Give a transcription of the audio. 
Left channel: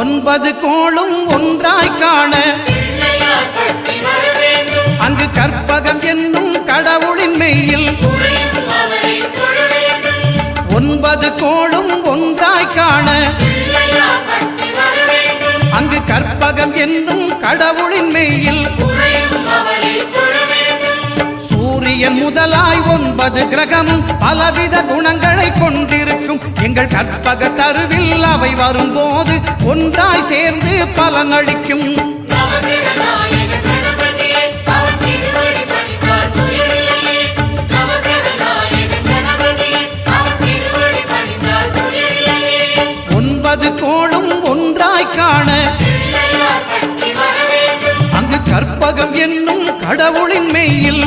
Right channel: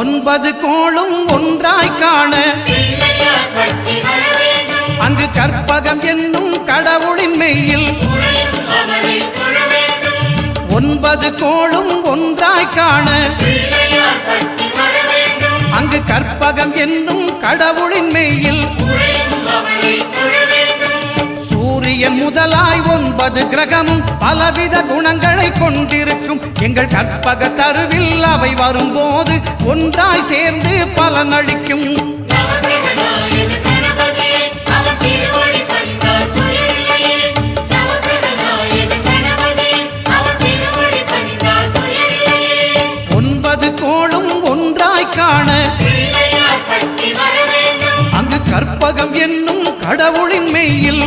ஒன்பது கோளும் ஒன்றாய் காண அங்கு கற்பகம் என்னும் கடவுளின் மெய்யில் ஒன்பது கோளும் ஒன்றாய் காண அங்கு கற்பகம் என்னும் கடவுளின் மெய்யில் சூரியன் முதலாய் 9 கிரகமும் பலவித குணங்களை கொண்டிருக்கும் எங்கள் கற்பக தருவில் அவை வரும்போது ஒன்றாய் சேர்ந்து பலனளிக்கும். ஒன்பது கோளும் ஒன்றாய் காண அங்கு கற்பகம் என்னும் கடவுளின் மெய்யில்